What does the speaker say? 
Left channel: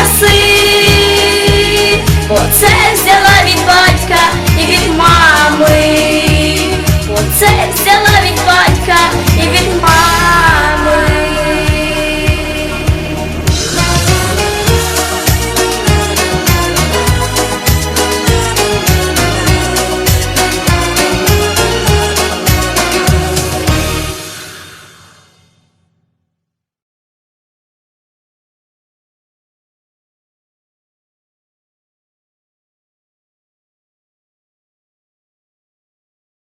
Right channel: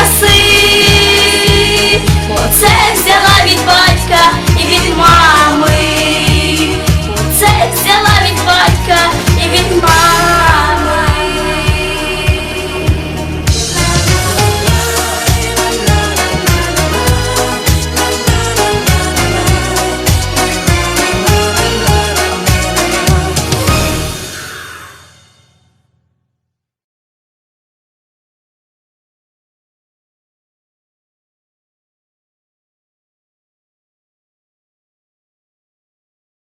краси, бо це.